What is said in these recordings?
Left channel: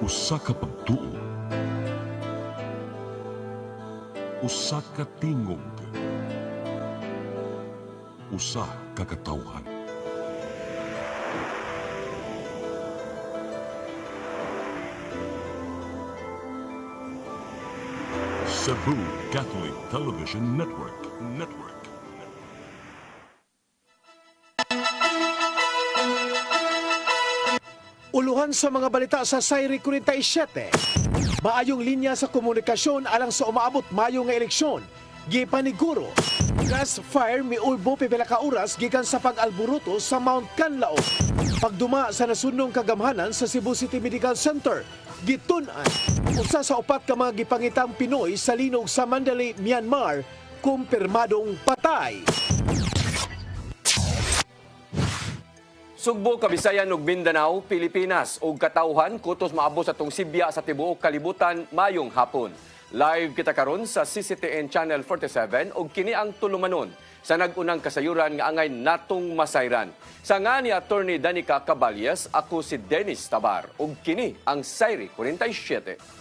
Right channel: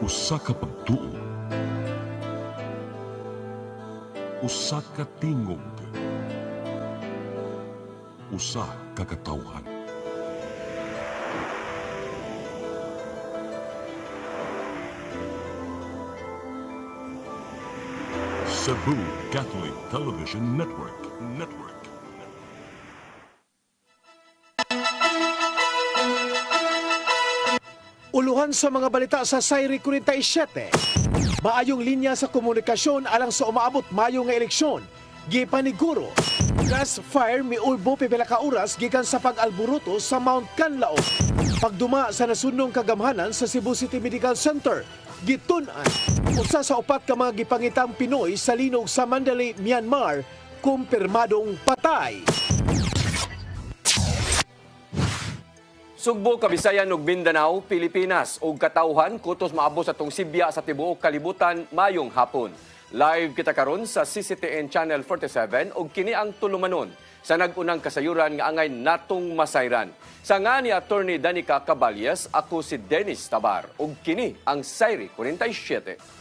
Usa ka pagtuo, usa ka tingog, usa ka katawhan. Cebu Catholic Television Network. Uluhan sa mga balita sa Sayri 47. Maayong linya sa komunikasyon alang sa umaabot mayo nga eleksyon. Gipaniguro, gas fire miulbo pipila ka oras gikan sa pag-alburuto sa Mount Canlaon. Pagduma sa nasunong kagamhanan sa Cebu City Medical Center, gitun-an usa sa upat ka mga gipangitang Pinoy sa linog sa Mandalay, Myanmar, kumpirmadong patay. Sugbo, Kabisayan ug Mindanao, Pilipinas ug katawhan kutos maabot sa tong Sibya sa tibuok kalibutan mayong hapon. Live kita karon sa CCTN Channel 47 ug kini ang tulumanon sa nag-unang kasayuran nga angay natong masayran. Sa nga ni Attorney Danica Caballes, ako si Dennis Tabar ug kini ang Sayri 47.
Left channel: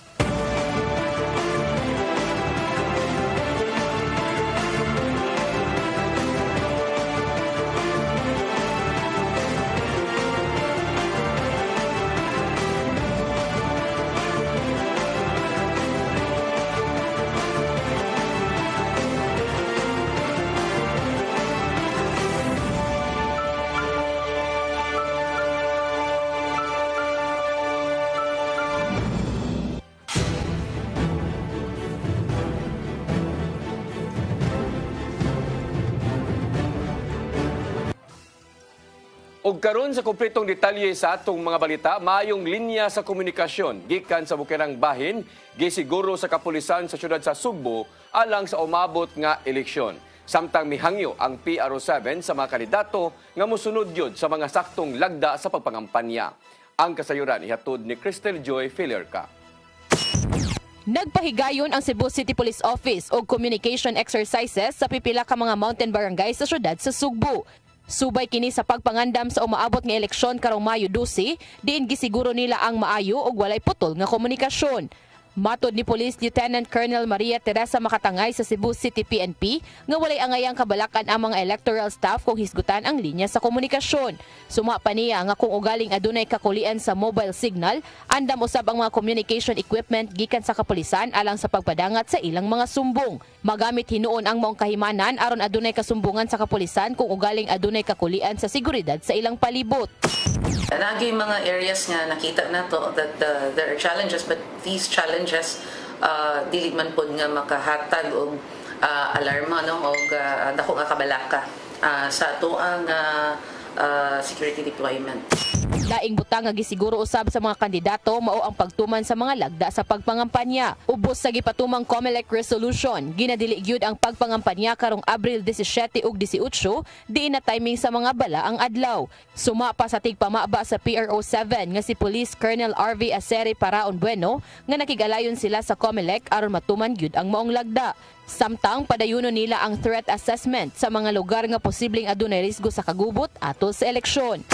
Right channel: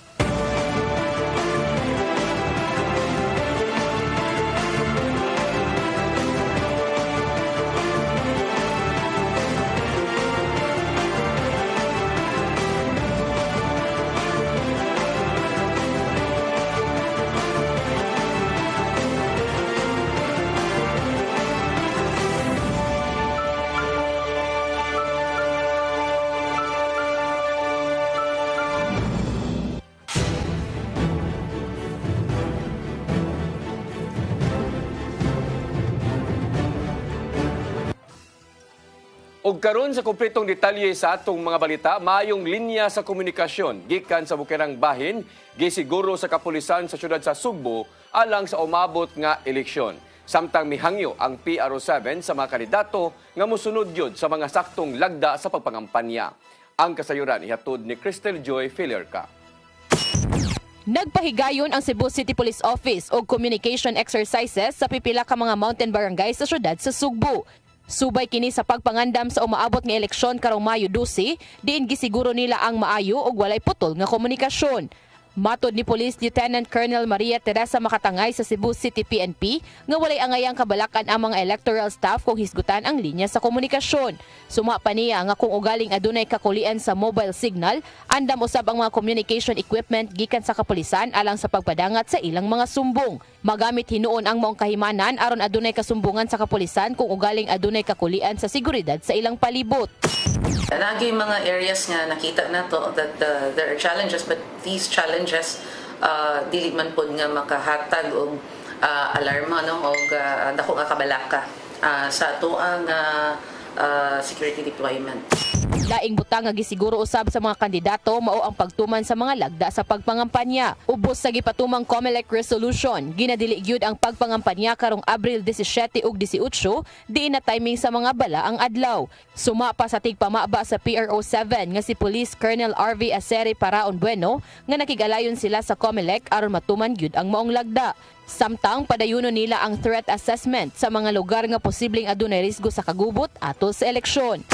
Ug karon sa kumpletong detalye sa atong mga balita, maayong linya sa komunikasyon gikan sa bukirang bahin gisiguro sa kapulisan sa syudad sa Sugbo alang sa umabot nga eleksyon. Samtang mihangyo ang PRO7 sa mga kandidato nga mosunod yun sa mga saktong lagda sa pagpangampanya. Ang kasayuran ihatod ni Crystal Joy Filerca. Nagpahigayon ang Cebu City Police Office og communication exercises sa pipila ka mga mountain barangay sa syudad sa Sugbo. Subay kini sa pagpangandam sa umaabot nga eleksyon karong Mayo 12, diin gisiguro nila ang maayo ug walay putol nga komunikasyon. Matod ni Police Lieutenant Colonel Maria Teresa Makatangay sa Cebu City PNP nga walay angayang kabalakan ang mga electoral staff kung hisgutan ang linya sa komunikasyon. Suma pa niya nga kung ugaling adunay kakulian sa mobile signal, andam usab ang mga communication equipment gikan sa kapulisan alang sa pagpadangat sa ilang mga sumbong. Magamit hinuon ang maong kahimanan aron adunay kasumbungan sa kapulisan kung ugaling adunay kakulian sa seguridad sa ilang palibot. Lagi mga areas nga nakita na to that there are challenges, but these challenges dili man po nga makahatag og alarma no og dako nga kabalaka sa tuang security deployment. Laing butang nga gisiguro usab sa mga kandidato mao ang pagtuman sa mga lagda sa pagpangampanya. Ubos sa gipatumang COMELEC resolution, ginadili gyud ang pagpangampanya karong Abril 17 ug 18, diin na timing sa mga bala ang adlaw. Suma pa sa tigpamaba sa PRO7 nga si Police Colonel RV Aceri Paraon Bueno nga nakigalayon sila sa COMELEC aron matuman gyud ang maong lagda. Samtang padayuno nila ang threat assessment sa mga lugar nga posibleng adunay risgo sa kagubot atol sa eleksyon.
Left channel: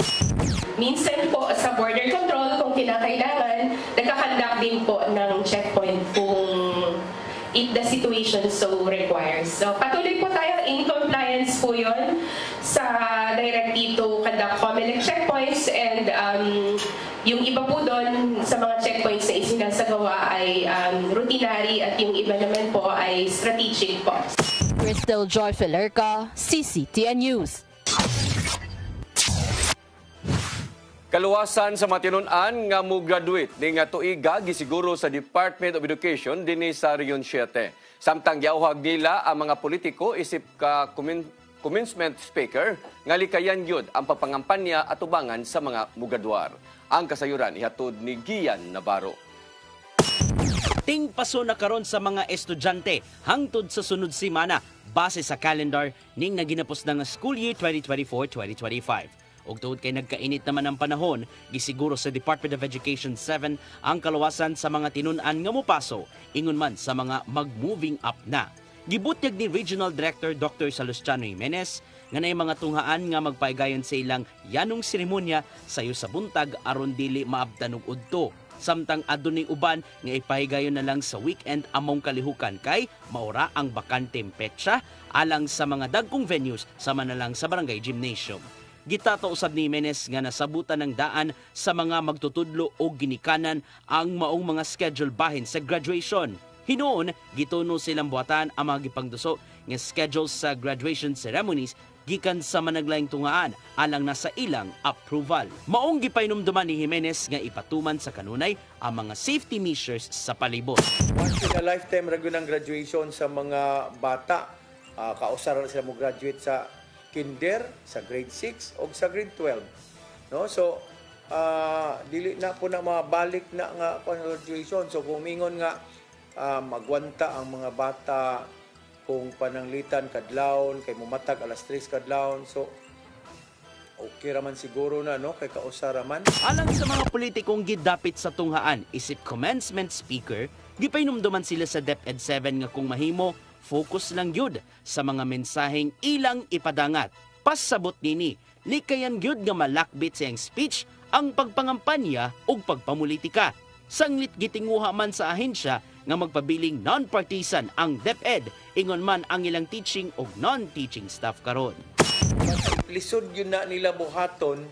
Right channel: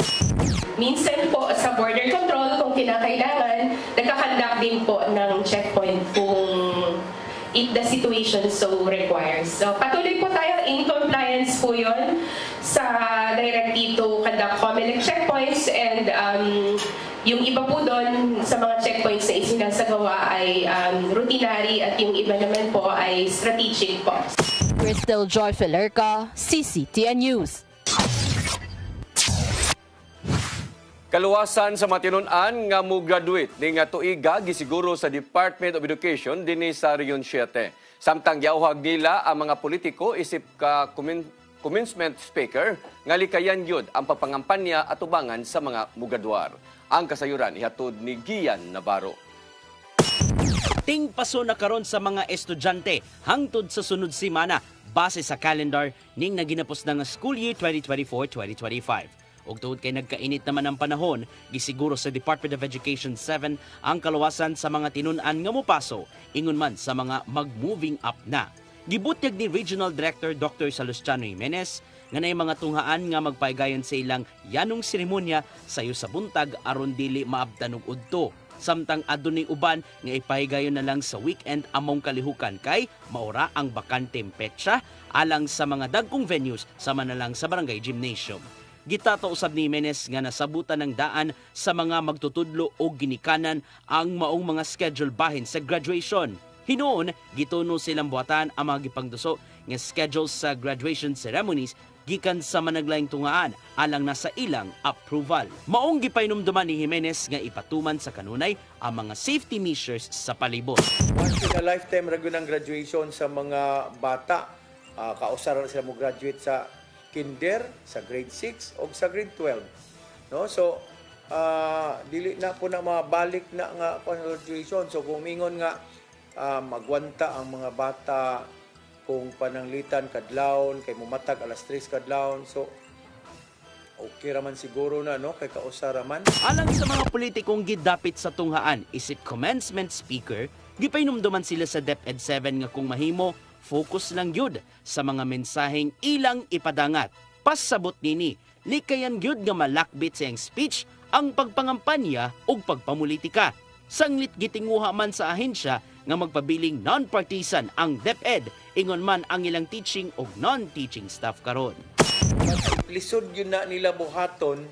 Minsan po sa border control kung kinakailangan, nagkakandak din po ng checkpoint kung if the situation so requires. So patuloy po tayo in compliance po yun sa directive to conduct COMELEC checkpoints, and yung iba po doon sa mga checkpoints na isinasagawa ay routinary at yung iba naman po ay strategic po. Crystal Joy Filerca, CCTN News. Kaluwasan sa matinun-an nga mo graduate ni nga tuiga gisiguro sa Department of Education dinhi sa Region 7. Samtang giawhag nila ang mga politiko isip ka commencement speaker nga likayan gyud ang papangampanya at ubangan sa mga mugadwar. Ang kasayuran ihatod ni Gian Navarro. Tingpaso na karon sa mga estudyante hangtod sa sunod semana base sa calendar ning naginapos na nga school year 2024-2025. Og tuod kay nagkainit naman ang panahon, gisiguro sa Department of Education 7 ang kaluwasan sa mga tinun-an nga mopaso ingon man sa mga mag-moving up na. Gibutyag ni Regional Director Dr. Salustiano Jimenez nga nay mga tunghaan nga magpaigayon sa ilang yanong seremonya sayo sa buntag aron dili maabtan og udto. Samtang adunay uban nga ipahigayon na lang sa weekend among kalihukan kay maura ang bakanteng petsa alang sa mga dagkong venues sama na lang sa barangay gymnasium. Gitato usab ni Jimenez nga nasabutan ng daan sa mga magtutudlo o ginikanan ang maong mga schedule bahin sa graduation. Hinoon, gituno silang buhatan ang mga gipangduso nga schedule sa graduation ceremonies gikan sa managlaing tungaan alang nasa ilang approval. Maong gipainomduman ni Jimenez nga ipatuman sa kanunay ang mga safety measures sa palibot. Once in a lifetime ragyo ng graduation sa mga bata. Kausar sila mo graduate sa kinder, sa grade 6 o sa grade 12. No? So, dili na po na mabalik na nga graduation. So, kung mingon nga magwanta ang mga bata kung pananglitan kadlawon kay mumatag alas 3 kadlawon, so okay raman siguro na, no, kay kausar raman. Alang sa mga politikong gidapit sa tunghaan isip commencement speaker, gipainomduman sila sa DepEd 7 nga kung mahimo focus lang yun sa mga mensaheng ilang ipadangat. Pasabot nini, likayan yun nga malakbit sa iyang speech ang pagpangampanya o pagpamulitika. Sanglit gitinguha man sa ahensya nga magpabiling non-partisan ang DepEd, ingon man ang ilang teaching o non-teaching staff karon. Lisod yun na nila buhaton,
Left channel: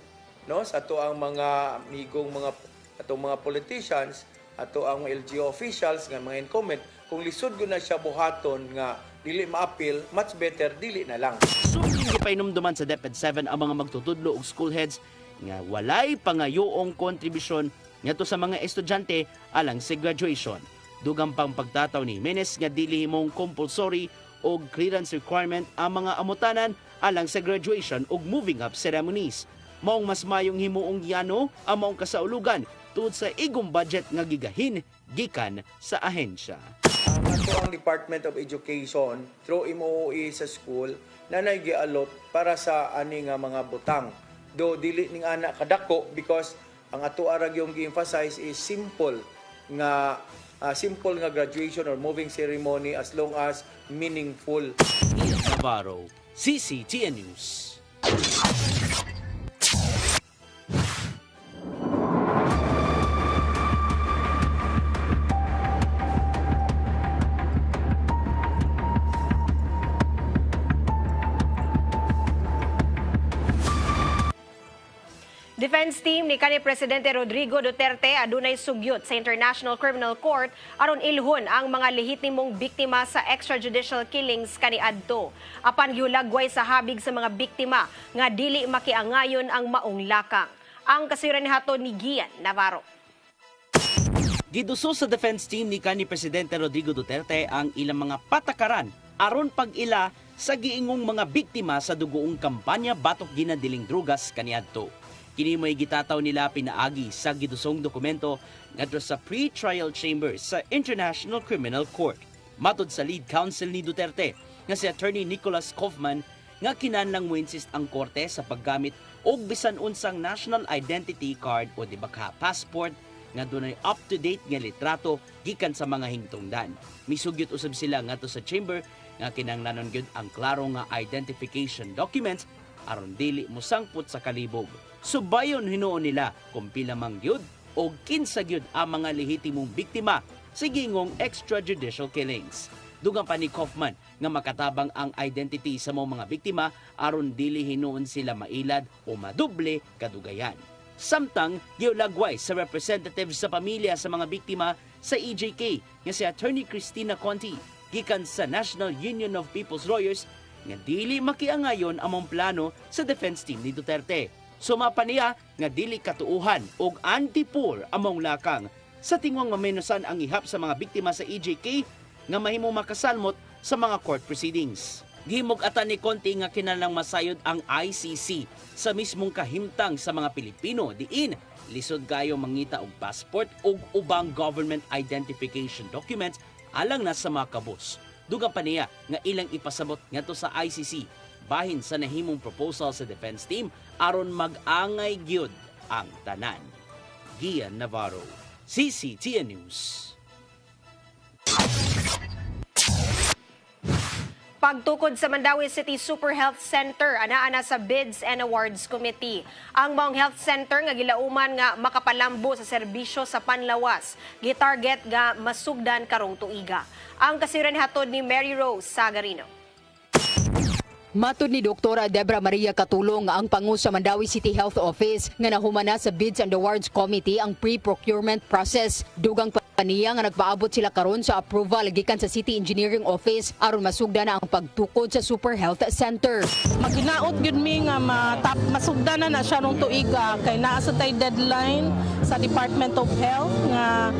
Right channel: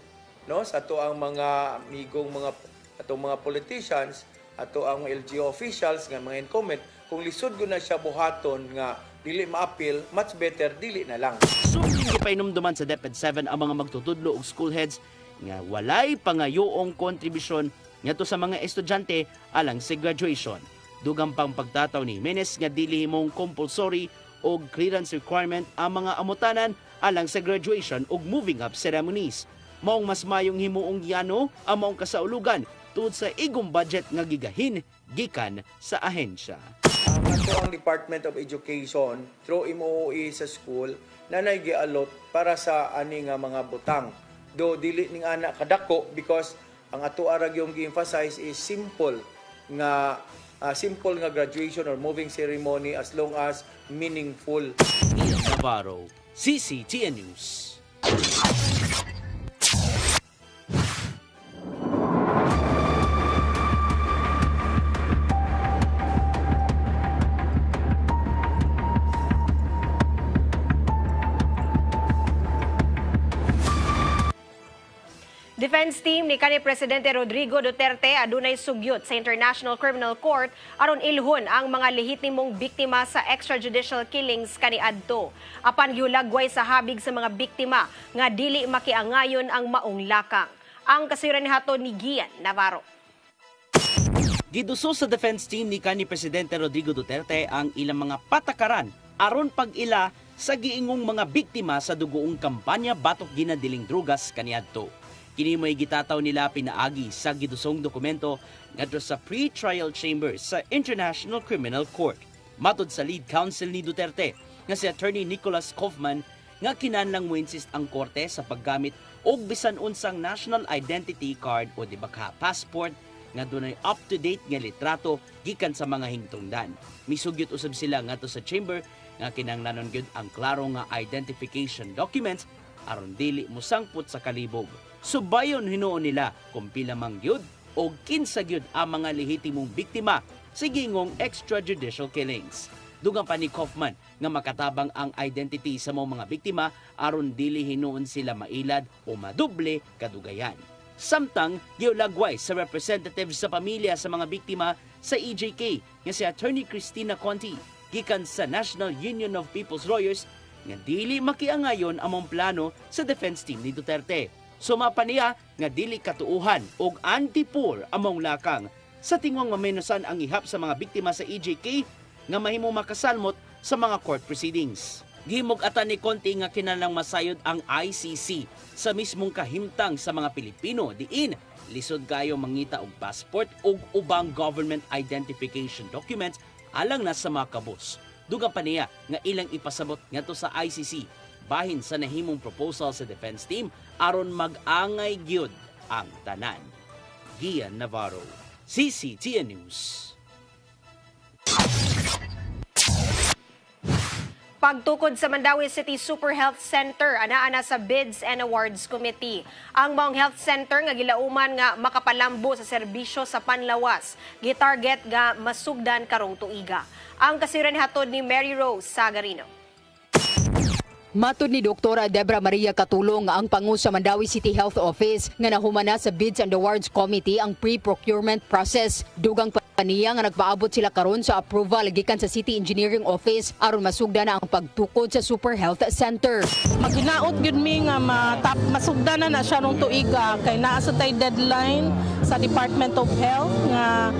no, sa ato ang mga migong mga politicians, ato ang LGU officials nga mga incumbent, kung lisod yun na siya buhaton nga dili ma-appeal, much better dili na lang. Suling gipainomduman sa DepEd 7 ang mga magtutudlo og school heads nga walay pangayoong kontribusyon ngadto sa mga estudyante alang sa graduation. Dugang pang pagtataw ni Jimenez nga dili himong compulsory o clearance requirement ang mga amutanan alang sa graduation o moving up ceremonies. Maong mas mayong himuong yano ang maong kasaulugan tungod sa igong budget nga gigahin gikan sa ahensya. Ato ang Department of Education through MOE sa school na gialot para sa ani nga mga butang. Do dili ning anak kadako because ang ato arag yung gi-emphasize is simple nga graduation or moving ceremony as long as meaningful. Ian Navarro, CCTN News. Defense team ni kanhi Presidente Rodrigo Duterte adunay sugyot sa International Criminal Court aron ilhon ang mga lehitimong biktima sa extrajudicial killings kaniadto. Apan giulagway sa habig sa mga biktima nga dili makiangayon ang maong lakang. Ang kasiran ni haton ni Gian Navarro. Giduso sa defense team ni kanhi Presidente Rodrigo Duterte ang ilang mga patakaran aron pag-ila sa giingong mga biktima sa dugoong kampanya batok ginadiling drugas kaniadto. Kini mo'y gitataw nila pinaagi sa gidusong dokumento ngadto sa pre-trial chamber sa International Criminal Court. Matod sa lead counsel ni Duterte nga si Attorney Nicholas Kaufman nga kinahanglang mo-insist ang korte sa paggamit og bisan unsang national identity card o di ba ka passport nga dunay up-to-date nga litrato gikan sa mga hingtungdan. Misugyot usab sila ngadto sa chamber nga kinahanglanon gyud ang klaro nga identification documents aron dili musangput sa kalibog. Subayon hinuon nila kung pila mang gyud o kinsa gyud ang mga lehitimong biktima sa gingong extrajudicial killings. Dugang pa ni Kaufman nga makatabang ang identity sa mga biktima aron dili hinuon sila mailad o madoble kadugayan. Samtang giulagway sa representative sa pamilya sa mga biktima sa EJK nga si Attorney Cristina Conti gikan sa National Union of People's Lawyers nga dili makiangayon among plano sa defense team ni Duterte. Sumapa niya nga dili katuuhan og anti-poor among lakang sa tingong mamenusan ang ihap sa mga biktima sa EJK nga mahimo makasalmot sa mga court proceedings. Gihimog ata ni Conti nga kinahanglang masayod ang ICC sa mismong kahimtang sa mga Pilipino diin lisod kayo mangita og passport ug ubang government identification documents alang na sa mga kabus. Dugang pa niya nga ilang ipasabot ngadto sa ICC bahin sa nahimong proposal sa defense team aron mag-angay gyud ang tanan. Gian Navarro, CCTN News. Pagtukod sa Mandawi City Super Health Center, ana sa Bids and Awards Committee. Ang maong health center nga gilauman nga makapalambo sa serbisyo sa panlawas, gitarget nga masugdan karong tuiga. Ang kasiran hatod ni Mary Rose Sagarino. Matud ni Dr. Debra Maria Katulong ang pangu sa Mandawi City Health Office nga nahumana sa Bids and Awards Committee ang pre-procurement process. Dugang paniya nga nagpaabot sila karon sa approval gikan sa City Engineering Office aron masugda na ang pagtukod sa Super Health Center. Maginaot gyud mi nga masugda na siya rong tuiga kay naa sa tay deadline sa Department of Health nga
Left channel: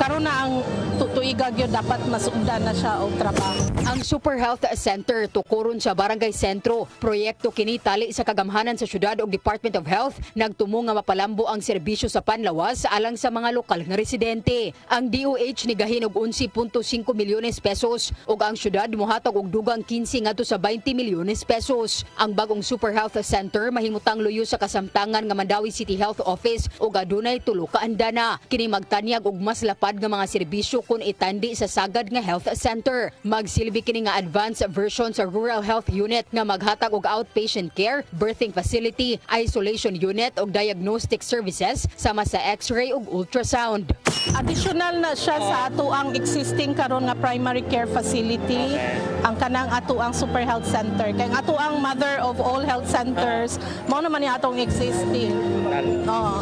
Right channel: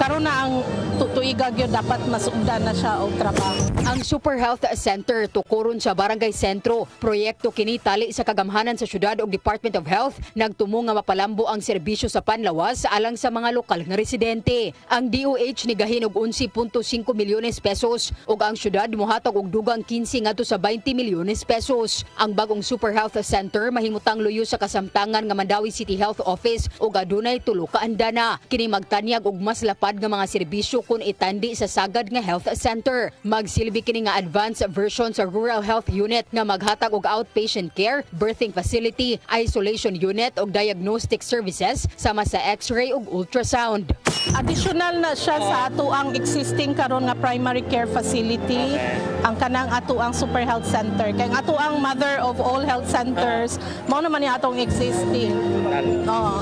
karon na ang tuiga gyud dapat masugda na siya og trabaho. Ang Super Health Center tukuron sa Barangay Sentro. Proyekto kini tali sa kagamhanan sa syudad ug Department of Health nagtumo nga mapalambo ang serbisyo sa panlawas alang sa mga lokal nga residente. Ang DOH nigahin og 11.5 milyones pesos ug ang syudad mohatag og dugang 15 ngadto sa 20 milyones pesos. Ang bagong Super Health Center mahimutang luyo sa kasamtangan nga Mandawi City Health Office ug adunay tulo ka andana. Kini magtanyag og mas lapad nga mga serbisyo kun itandi sa sagad nga health center. Magsilbi kini nga advanced version sa Rural Health Unit nga maghatag og outpatient care, birthing facility, isolation unit ug diagnostic services sama sa x-ray ug ultrasound. Additional na siya sa ato ang existing karon nga primary care facility, ang kanang ato ang Super Health Center. Kay ato ang mother of all health centers, mao naman ni atong existing.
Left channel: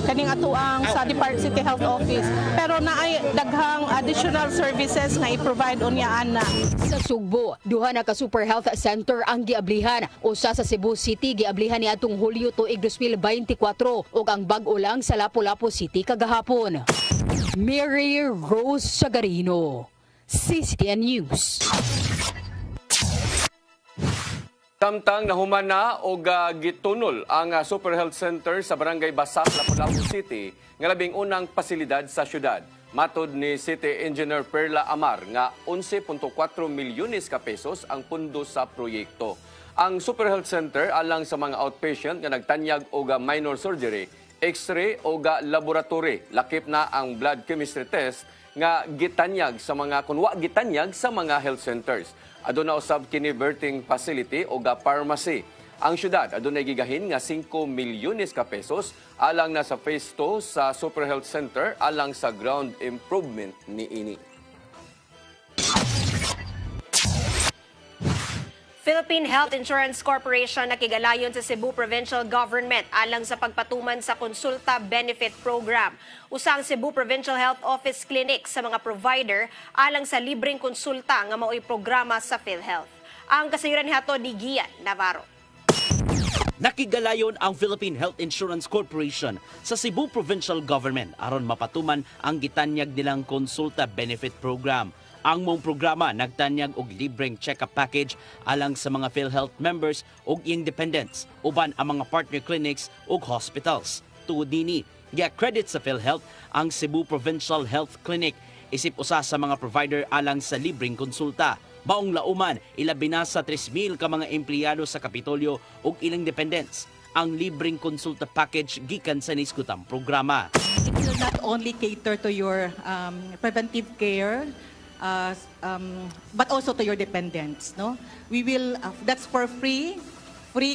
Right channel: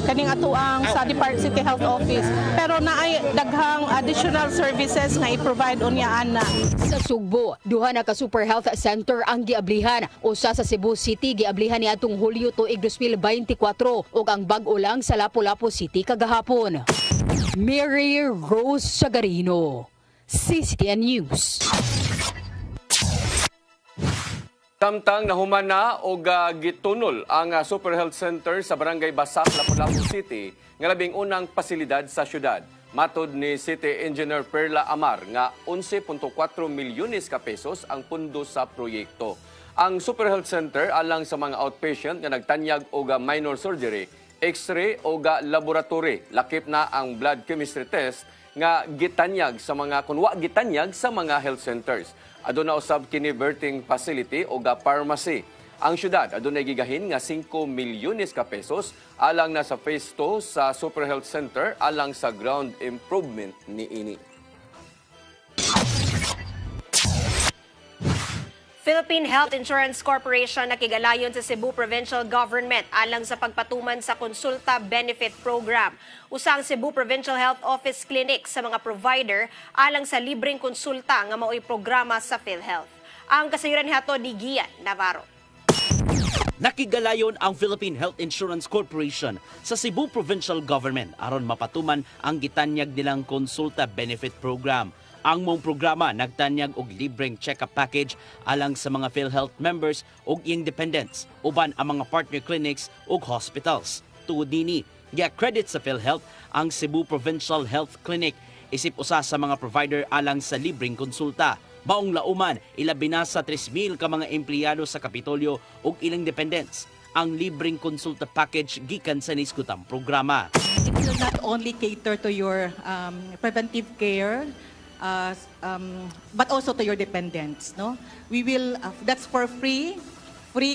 Kaning ato ang sa Department City Health Office. Pero naay daghang additional services nga i-provide unya ana. Sa Sugbo, duha na ka Super Health Center ang giablihan. Usa sa Cebu City giablihan ni atong Hulyo tuig 2024 ug ang bag-o lang sa Lapu-Lapu City kagahapon. Mary Rose Sagarino, CCTN News. Samtang nahuman na o gitunol ang Super Health Center sa Barangay Basak, Lapu-Lapu City, nga labing unang pasilidad sa syudad. Matod ni City Engineer Perla Amar nga 11.4 milyones ka pesos ang pundo sa proyekto. Ang Super Health Center alang sa mga outpatient nga nagtanyag og minor surgery, x-ray o laboratory, lakip na ang blood chemistry test nga gitanyag sa mga kunwa gitanyag sa mga health centers. Aduna usab kini birthing facility o pharmacy. Ang syudad adunay gigahin nga 5 milyones ka pesos alang na sa phase 2 sa Super Health Center alang sa ground improvement niini. Philippine Health Insurance Corporation nakigalayon sa Cebu Provincial Government alang sa pagpatuman sa Konsulta Benefit Program. Usang Cebu Provincial Health Office Clinic sa mga provider alang sa libreng konsulta nga mao'y programa sa PhilHealth. Ang kasayuran hato ni Gian Navarro. Nakigalayon ang Philippine Health Insurance Corporation sa Cebu Provincial Government aron mapatuman ang gitanyag nilang Konsulta Benefit Program. Ang mong programa nagtanyag og libreng check-up package alang sa mga PhilHealth members ug iyang dependents uban ang mga partner clinics ug hospitals. Tuod dinhi, gi-accredit sa PhilHealth ang Cebu Provincial Health Clinic isip usa sa mga provider alang sa libreng konsulta. Baong lauman, ilabi na sa 3,000 ka mga empleyado sa Kapitolyo ug ilang dependents ang libreng konsulta package gikan sa niskutang programa. It will not only cater to your preventive care, but also to your dependents. No, we will. That's for free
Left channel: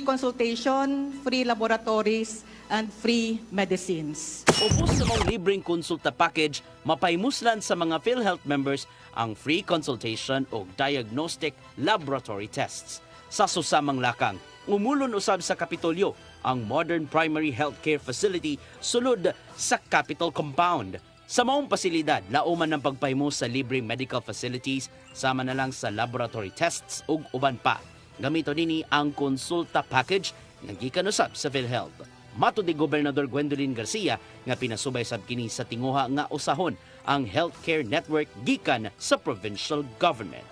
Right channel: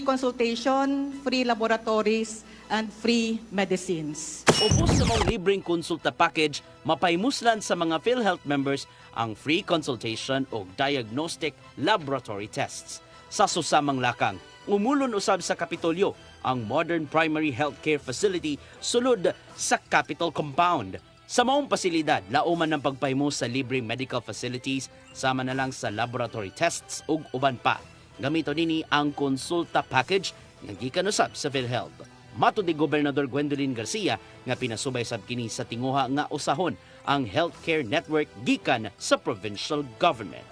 consultation, free laboratories, and free medicines. Ubos sa mga libreng konsulta package, mapaymuslan sa mga PhilHealth members ang free consultation o diagnostic laboratory tests. Sa susamang lakang, umulon usab sa Kapitolyo ang modern primary healthcare facility sulod sa Capitol Compound. Sa maong pasilidad, lauman ng pagpahimo sa libreng medical facilities, sama na lang sa laboratory tests ug uban pa. Gamito nini ang konsulta package nga gikan usab sa PhilHealth. Matud ni Gobernador Gwendolyn Garcia nga pinasubay sab kini sa tinguha nga usahon ang healthcare network gikan sa provincial government.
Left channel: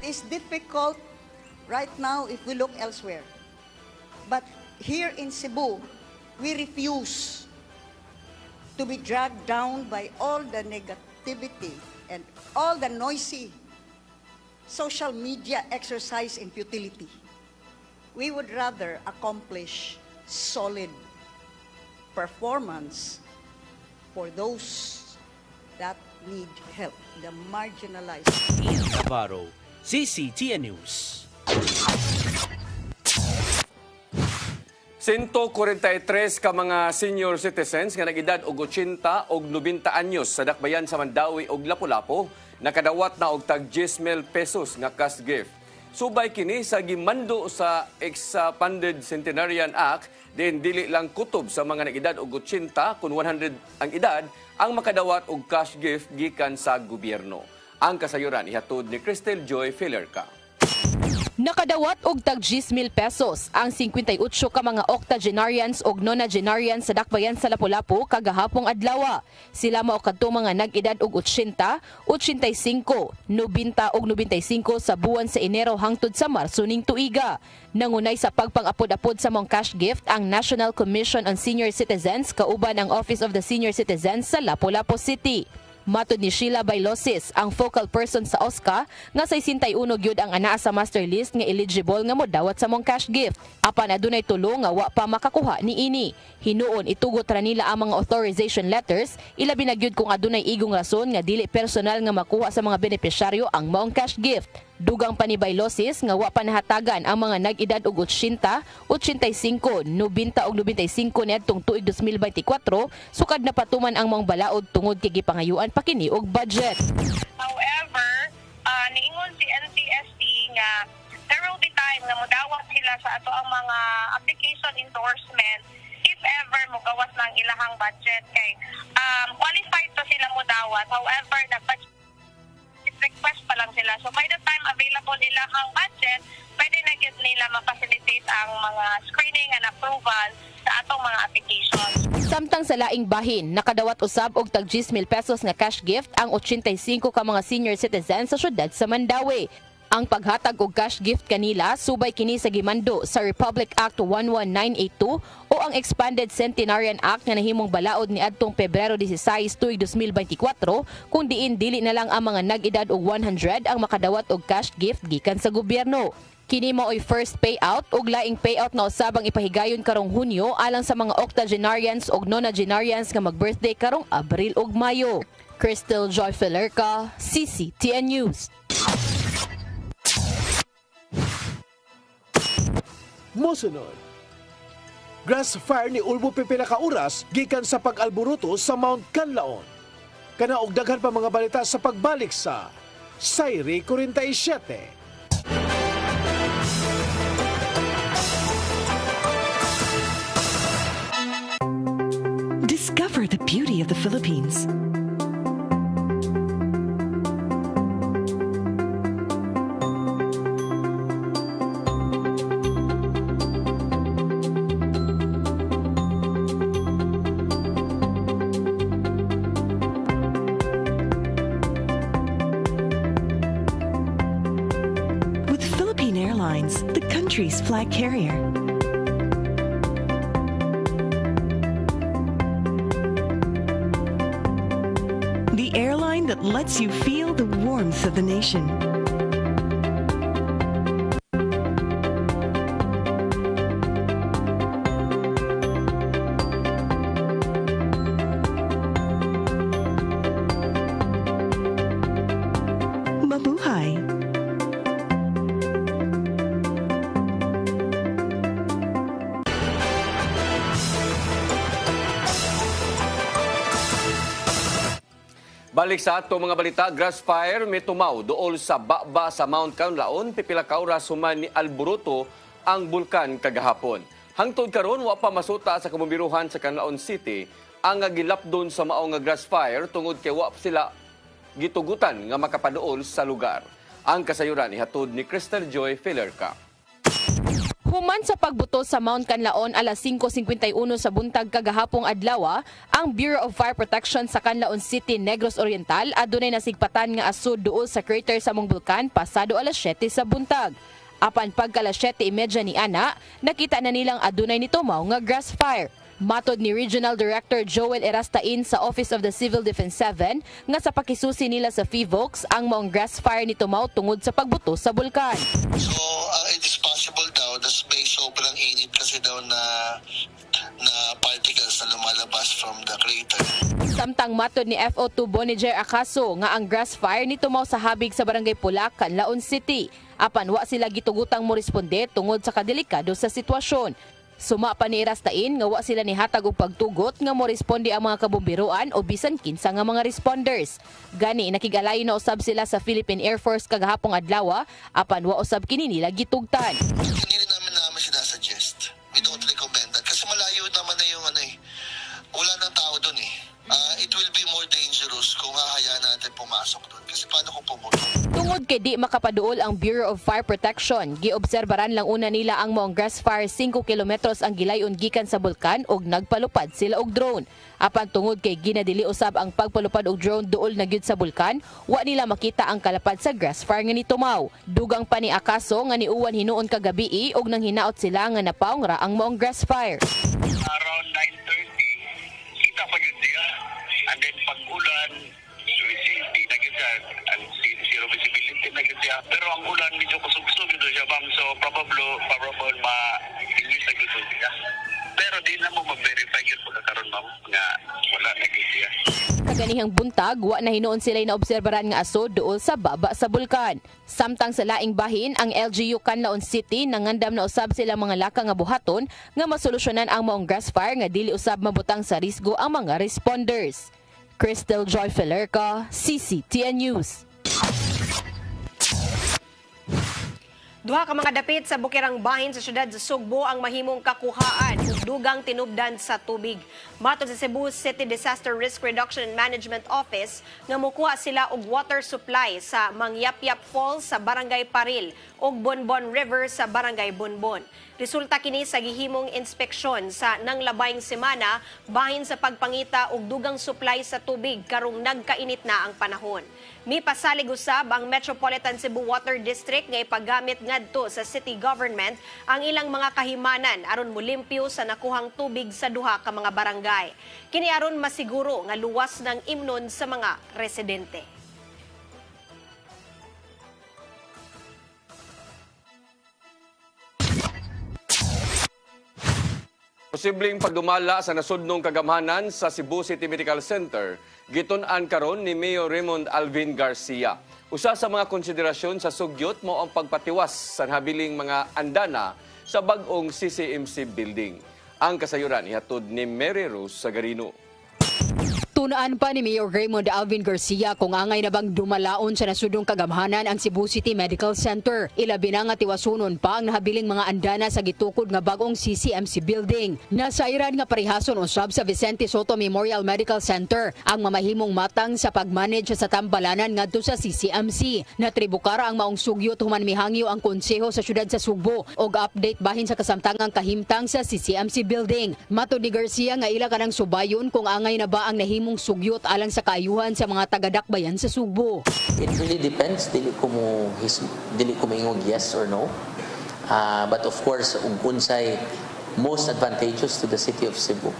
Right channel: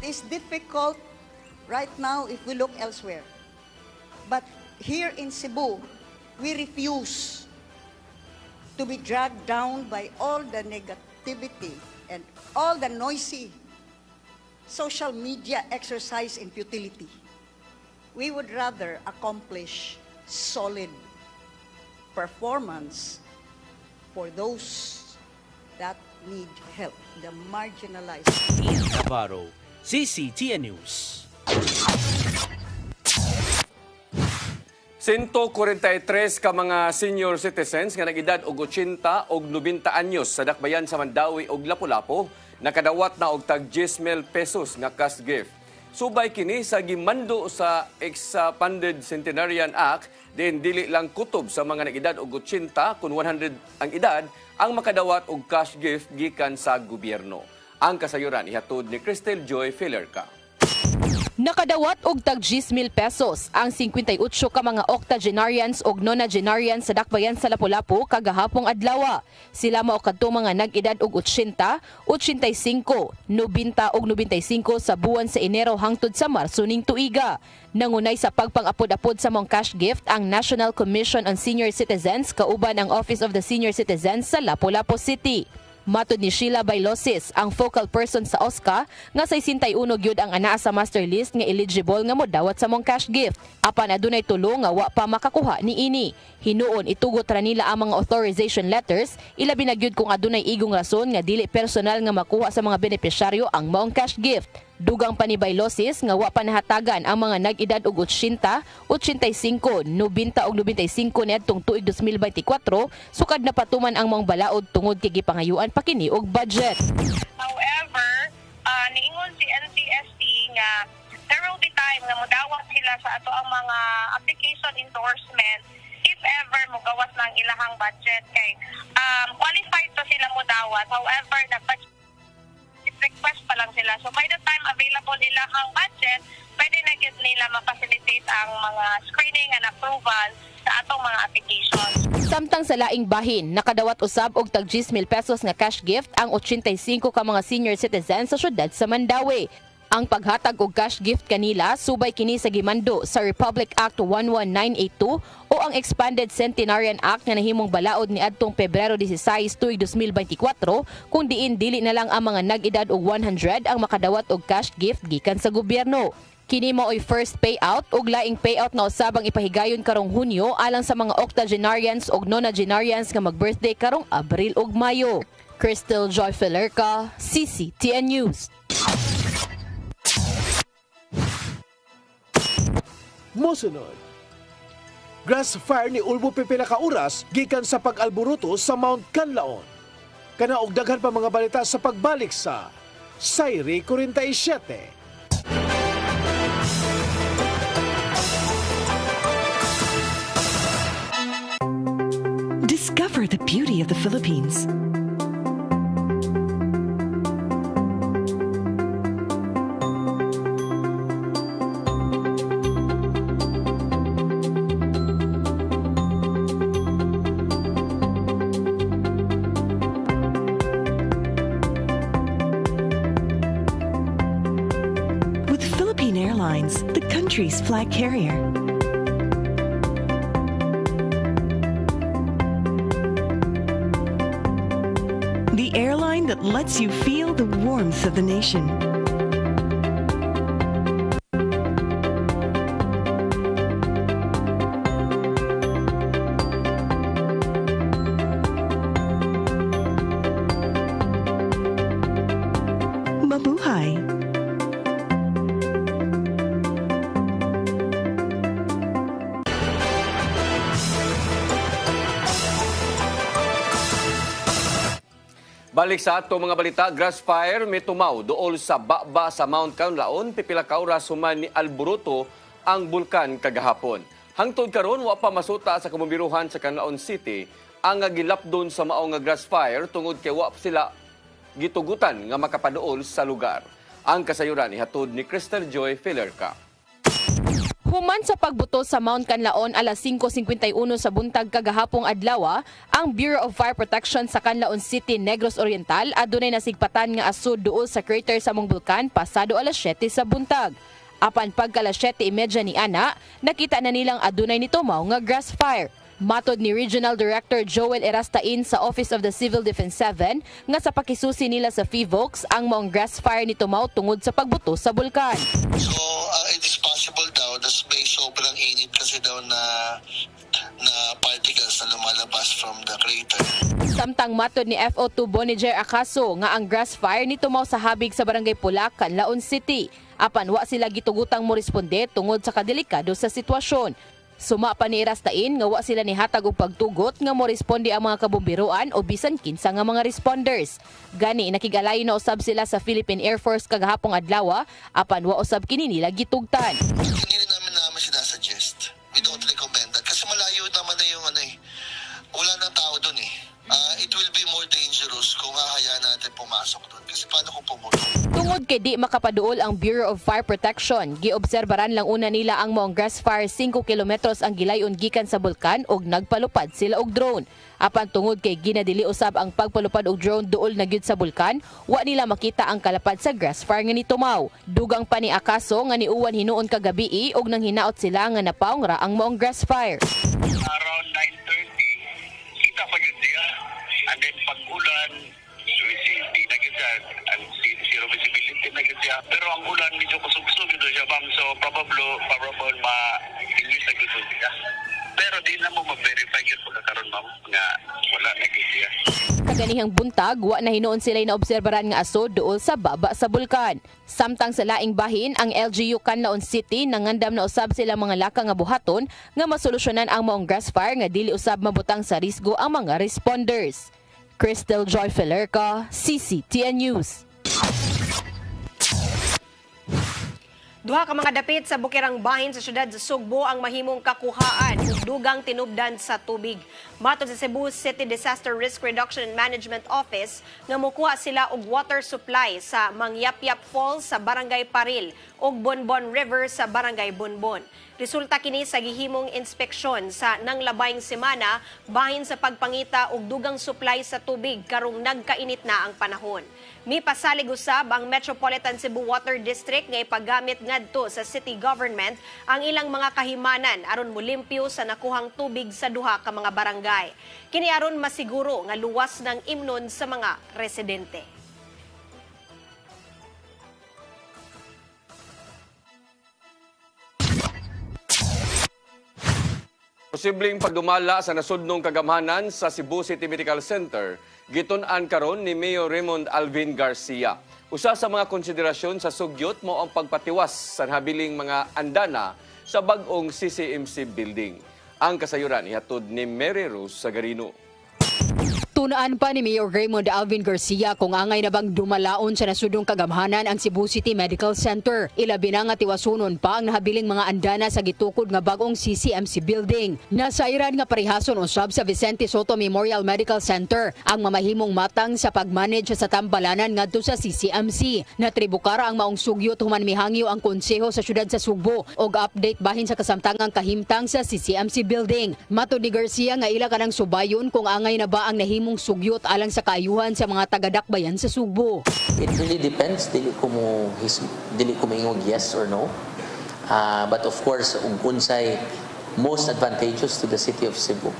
It is difficult right now if we look elsewhere. But here in Cebu, we refuse to be dragged down by all the negativity and all the noisy social media exercise in futility. We would rather accomplish solid performance for those that need help, the marginalized. Navarro, CCTN News. 143 ka mga senior citizens nga nag-edad og 80 og 90 anyos sa dakbayan sa Mandawi og Lapu-Lapu nakadawat na og tag 10,000 pesos nga cash gift. Subay kini sa gimando sa Expanded Centenarian Act din dili lang kutob sa mga nag-edad og 80 kun 100 ang edad ang makadawat og cash gift gikan sa gobyerno. Ang kasayuran ihatod ni Cristel Joy Filerca. Nakadawat og tag 10,000 pesos ang 58 ka mga octogenarians og nonagenarians sa dakbayan sa Lapu-Lapu kagahapong adlaw. Sila mao kadtong mga nag-edad og 80, 85, 90 og 95 sa buwan sa Enero hangtod sa Marso ning tuiga. Nangunay sa pagpang-apod-apod sa mong cash gift ang National Commission on Senior Citizens kauban ang Office of the Senior Citizens sa Lapu-Lapu City. Matod ni Sheila Bailosis, ang focal person sa OSCA, nga sa 61 gyud ang anaa sa master list nga eligible nga modawat sa mong cash gift. Apan adunay tulo nga wa pa makakuha niini. Hinuon itugot ra nila ang mga authorization letters, ilabi na gyud kung adunay igong rason nga dili personal nga makuha sa mga benepisyaryo ang maong cash gift. Dugang pa ni Bailosis nga wa pa nahatagan ang mga nag-edad og 80, 85, 90 og 95 niadtong tuig 2024 sukad na patuman ang mga balaod tungod kay gipangayuan pa kini og budget. However, niingon si NTST nga there will be time nga modawat sila sa ato ang mga application endorsement if ever mogawas na ang ilahang budget kay qualified to sila modawat. However, nag-budget request pa lang sila. So by the time available nila ang budget, pwede na gyud nila ma-facilitate ang mga screening and approval sa atong mga applications. Samtang sa laing bahin, nakadawat usab og tag 10,000 pesos nga cash gift ang 85 ka mga senior citizens sa syudad sa Mandawi. Ang paghatag og cash gift kanila subay kini sa gimando sa Republic Act 11982 o ang Expanded Centenarian Act nga nahimong balaod ni adtong Pebrero 16 tuig 2024 kung diin dili na lang ang mga nag-edad og 100 ang makadawat og cash gift gikan sa gobyerno. Kini mao'y first payout ug laing payout na usabang ipahigayon karong Hunyo alang sa mga octogenarians ug nonagenarians nga mag-birthday karong Abril ug Mayo. Cristel Joy Filerca, CCTN News. Mosunod, grass fire ni Ulbo pipila ka oras gikan sa pag-alburuto sa Mount Canlaon. Kana og daghan pa mga balita sa pagbalik sa Sayri 47. Discover the beauty of the Philippines. Flag carrier. The airline that lets you feel the warmth of the nation. Mabuhay. Balik sa ato mga balita, grass fire may tumaw dool sa baba sa Mount Canlaon, pipila ka oras human ni alburuto ang bulkan kagahapon. Hangtod karon wa pa masuta sa kamumbiruhan sa Canlaon City ang gilapdon sa mao nga grass fire tungod kay wa sila gitugutan nga makapaduol sa lugar. Ang kasayuran ihatod ni Cristel Joy Filerca. Human sa pagbuto sa Mount Canlaon alas 5:51 sa buntag kagahapong adlaw, ang Bureau of Fire Protection sa Canlaon City, Negros Oriental adunay nasigpatan nga asud duol sa crater sa mong bulkan pasado alas 7 sa buntag. Apan pagka alas 7:30 ni ana, nakita na nilang adunay nito mao nga grass fire. Matod ni Regional Director Joel Erastain sa Office of the Civil Defense 7 nga sa pakisusi nila sa FIVOX ang maong grass fire ni tumaw tungod sa pagbuto sa bulkan. So, it is possible daw na may sobrang init kasi daw na particles na lumalabas from the crater. Samtang matod ni FO2 Boniger Acaso nga ang grass fire ni tumaw sa habig sa Barangay Pulacan, Laon City. Apan wa sila gitugutang mo responde tungod sa kadelikado sa sitwasyon. Suma pa ni Rastain nga wa sila nihatag og pagtugot nga mo responde ang mga kabomberoan o bisan kinsa nga mga responders. Gani nakigalayo na usab sila sa Philippine Air Force kagahapong adlaw apan wa usab kini nila gitugtan. Hindi naman sinasuggest. We don't recommend that kasi malayo naman na yung wala nang tao doon eh. It will be more dangerous kung hahayaan natin pumasok doon. Kasi paano kung pumulong? Tungod kay di makapaduol ang Bureau of Fire Protection, giobserbaran lang una nila ang maong grass fire 5 kilometros ang gilayon gikan sa bulkan og nagpalupad sila og drone. Apan tungod kay ginadili usab ang pagpalupad og drone duol na gyud sa bulkan, wa nila makita ang kalapad sa grass fire nga nitumaw. Dugang pa ni Acaso nga niuwan hinuon kagabi og nang hinaot sila nga napaong ra ang maong grass fire. Around 9:30, kita pa yun siya. And then pag-ulan, visibility na siya. Zero visibility na siya. Pero ang ulan medyo kusog-kusog dito siya, ma'am. So probable ma-release na dito siya. Pero di na mo mag-verify yun pagkakaroon, ma'am, nga wala na siya. Kaganihang buntag, wa na hinuon sila naobserbaran nga aso duol sa baba sa bulkan. Samtang sa laing bahin, ang LGU Canlaon City nangandam na usab sila mga laka nga buhaton nga masolusyonan ang maong grass fire nga dili usab mabutang sa risgo ang mga responders. Crystal Joy Felerca, CCTN News. Duha ka mga dapit sa bukirang bahin sa syudad sa Sugbo ang mahimong kakuhaan ug dugang tinubdan sa tubig. Matod sa Cebu City Disaster Risk Reduction and Management Office nga mokuha sila og water supply sa Mangyapyap Falls sa Barangay Paril ug Bonbon River sa Barangay Bonbon. Resulta kini sa gihimong inspeksyon sa nanglabayng semana bahin sa pagpangita og dugang supply sa tubig karong nagkainit na ang panahon. Mipasalig usab ang Metropolitan Cebu Water District nga ipagamit ngadto sa city government ang ilang mga kahimanan aron molimpyo sa nakuhang tubig sa duha ka mga barangay. Kini aron masiguro nga luwas ng imnon sa mga residente. Posibleng pagdumala sa nasudnong kagamhanan sa Cebu City Medical Center, gitun-an karon ni Mayor Raymond Alvin Garcia. Usa sa mga konsiderasyon sa sugyot mo ang pagpatiwas sa habiling mga andana sa bag-ong CCMC building. Ang kasayuran ihatod ni Mary Rose Sagarino. Tunaan pa ni Mayor Raymond Alvin Garcia kung angay na bang dumalaon sa nasudong kagamhanan ang Cebu City Medical Center. Ilabi na nga tiwasunon pa ang nahabiling mga andana sa gitukod nga bagong CCMC building. Nasairan nga parehason usab sa Vicente Soto Memorial Medical Center ang mamahimong matang sa pagmanage sa tambalanan ngadto sa CCMC. Natribukara ang maong sugyot human mihangyo ang konseho sa syudad sa Sugbo og update bahin sa kasamtangang kahimtang sa CCMC building. Matod ni Garcia nga ila kanang subayon kung angay na ba ang nahimong sugyot alang sa kaayuhan sa mga taga-dakbayan sa Sugbo. It really depends. Dili ko moingog yes or no. But of course, unsay most advantageous to the city of Cebu,